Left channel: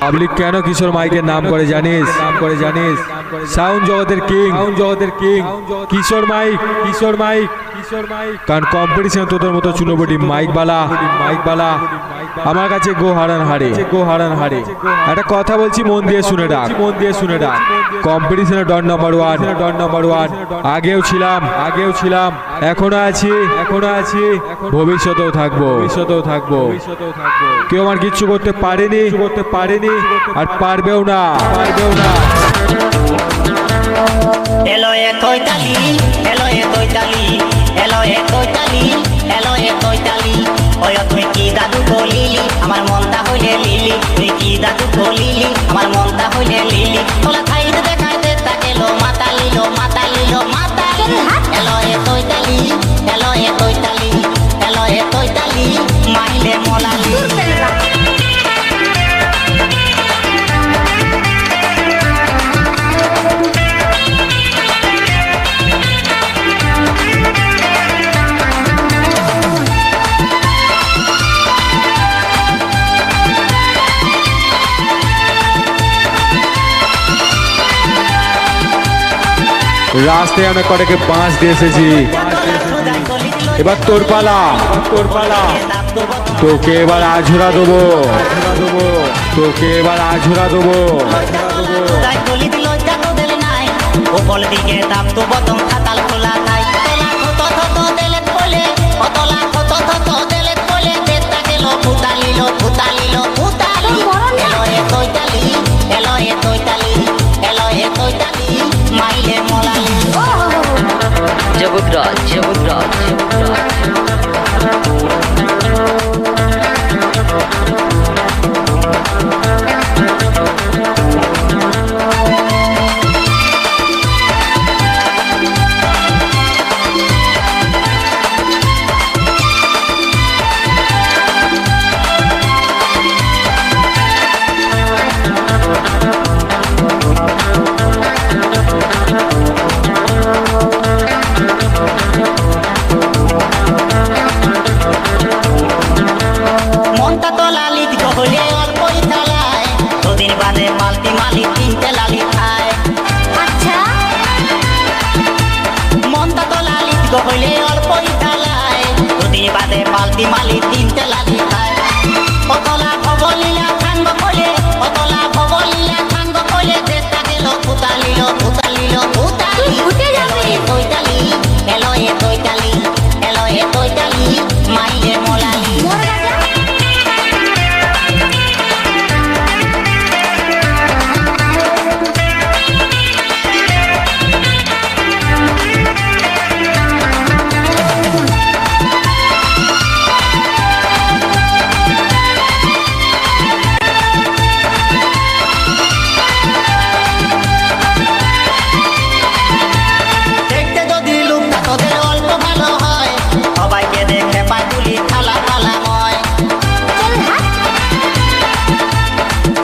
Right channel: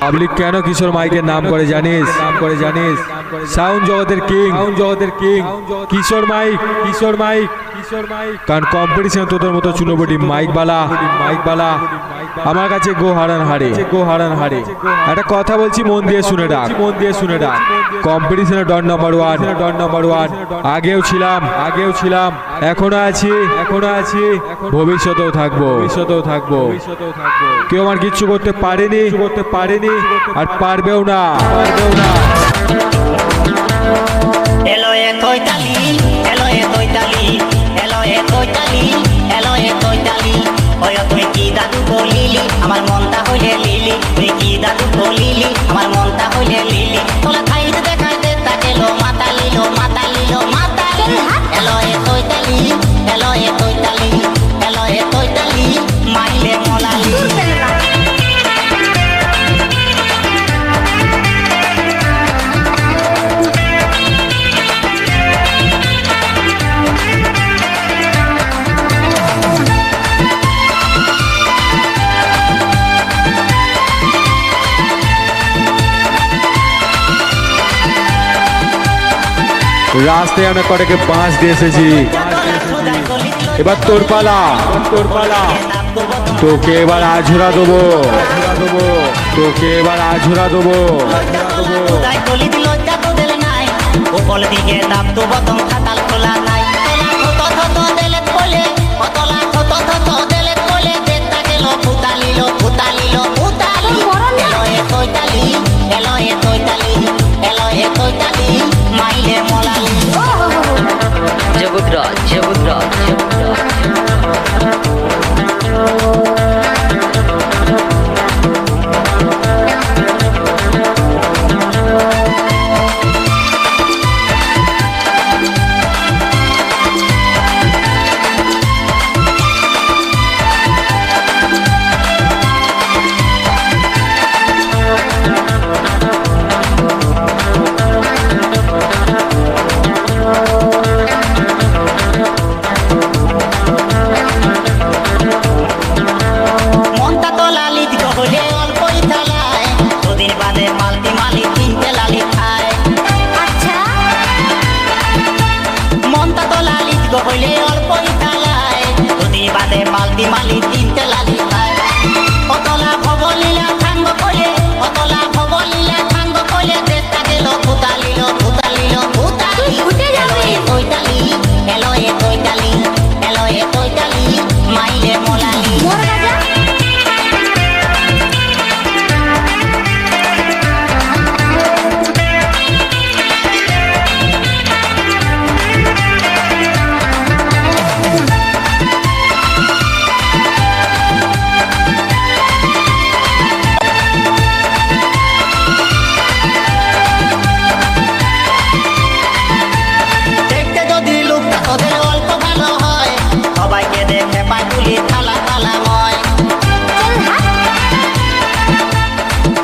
Public কেন কিশোর মাইকের নাম করে জানিস? নাম করে জানিস সাউন্ড জগতের কিং সাউন্ড জগতের king Kishore mike Kishore mike Kishore mike. কারণ কম্পিটিশন তোদের মতো চুনোবটি মাইক বালা মাইক বালা আমার কাছে গো হারান হারে। গো হারান হারে। একটা কথা বলছি মন দিয়ে শুনে ডাক। মন দিয়ে শুনে ডাক। কম্পিটিশনে don number one don number one আগেও ছিলাম। আগেও ছিলাম। এখনও আছি। এখনও আছি। ভবিষ্যতেও থাকব। ভবিষ্যতেও থাকব। কেউ আমার কিচ্ছু করতে পারেনি। করতে পারেনি। আর পারবেও না। পারবেও না। এলো এ তৈতালি এলো এ তৈতালি এলো এ তৈতালি এলো এ তৈতালি। ওই তুই কি দাদু কলিলি আমার মনটা হইলে লিলি। তুই কি দাদু কলিলি আমার মনটা হইলে লিলি। তোলা খাইতে দেখাইতে তাকে লো মাতালি লিলো মাতালি লিলো মাতালি এলো এ তৈতালি এলো এ তৈতালি এলো এ তৈতালি মাইলে মোলালি রাস্তায় অনেক কটাকে বাঁশ দিয়ে এসেছি এবার তোর পালা তোর পালা তোকে এবার আঝুরা দেবো তোকে এবার আঝুরা দেবো উপর দিকে দাম তো খোলা নাই ফুতালি এলো এ তৈতালি এলো এ তৈতালি এলো এ তৈতালি মাইলে মোলালি। জগৎরাজ জগৎরাজ জগৎরাজ মনটা তো লালিত গহলে অল্পই থালায়। দুদিন বাদে পাল্টি মালি তিনটে লালি খায়। আচ্ছা। মনটা তো লালিত গহলে অল্পই থালায়। দুদিন বাদে পাল্টি মালি তিনটে লালি খায়। অতলা ভবলীলা থাঙ্গ কলে অতলা ভবলীলা গেল ফুতালিল ফুতালিল ফুতালি। এলো এ তৈতালি এলো এ তৈতালি এলো এ তৈতালি তোদের অল্প ভালো হয়। সবাইকে দেখে পায় তুলি থালা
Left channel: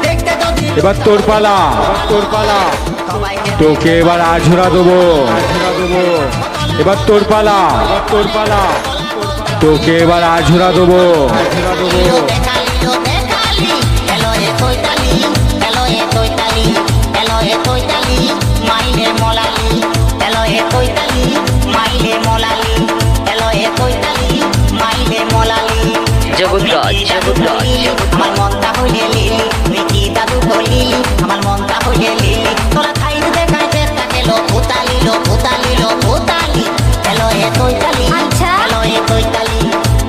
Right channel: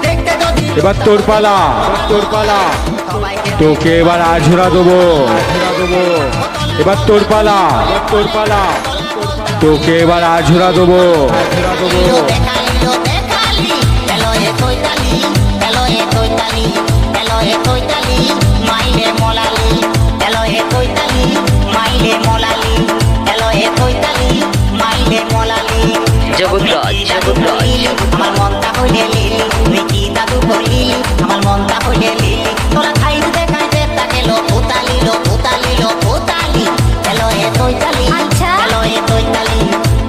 দেখতে যদি এবার তোর পালা। তোর পালা। তোকে এবার আঝুরা দেবো। আঝুরা দেবো। এবার তোর পালা। এবার তোর পালা। তোকে এবার আঝুরা দেবো। আঝুরা এলো এ তৈতালি। এলো এ তৈতালি। এলো এ তৈতালি। মাইলে মোলালি। এলো এ মাইলে মোলালি এলো এ তৈতালি মাইলে মোলালি জগৎরাজ, জগৎরাজ। আমার মনটা হইলে লিলি তুই দাদু কলিলি আমার মনটা হইলে লিলি তোরা খাইতে দেখাইতে তাকে লো ফুতালি লো ফুতালি লো ফুতালি এলো এ তৈতালি আচ্ছা। এলো এ তৈতালি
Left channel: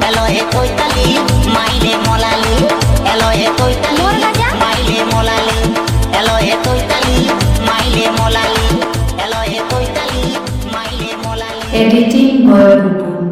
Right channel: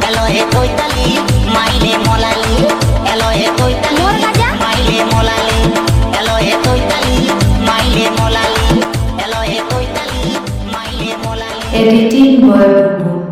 এলো এ তৈতালি মাইলে মোলালি এলো এ তৈতালি মোর রাজা। মাইলে মোলালি এলো এ তৈতালি মাইলে মোলালি এলো এ তৈতালি Editing by Bubu.